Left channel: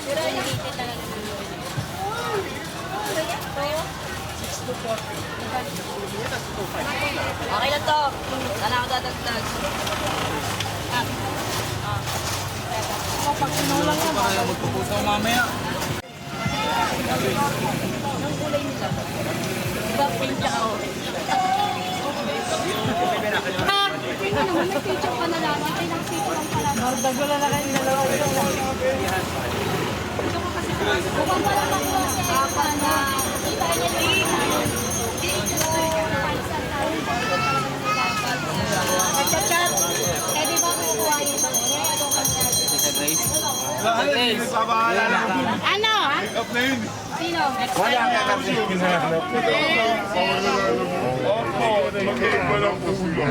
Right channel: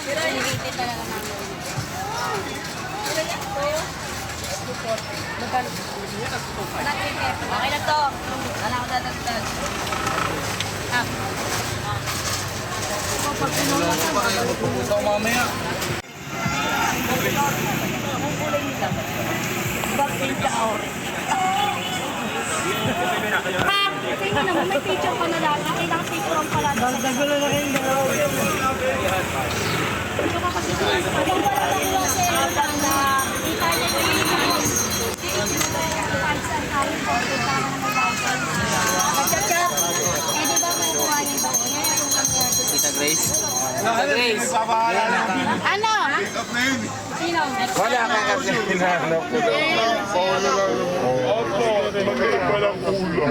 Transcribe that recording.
Pinilitin talaga namin. Okay na to. Wala ako dadagdag. Magpupunta ko mamaya. Bakit ka orange? Tingnan naman, may picture pa na lang. Kailangan picture ang pala. Dagdagulan na kayong dalawa dyan. Ito ka kasi sa panda. Kita niya yung chat. Eh, di ba may kuha yun? Tita Grace. Ano? Sino? Ako, mag-iba ng ulo.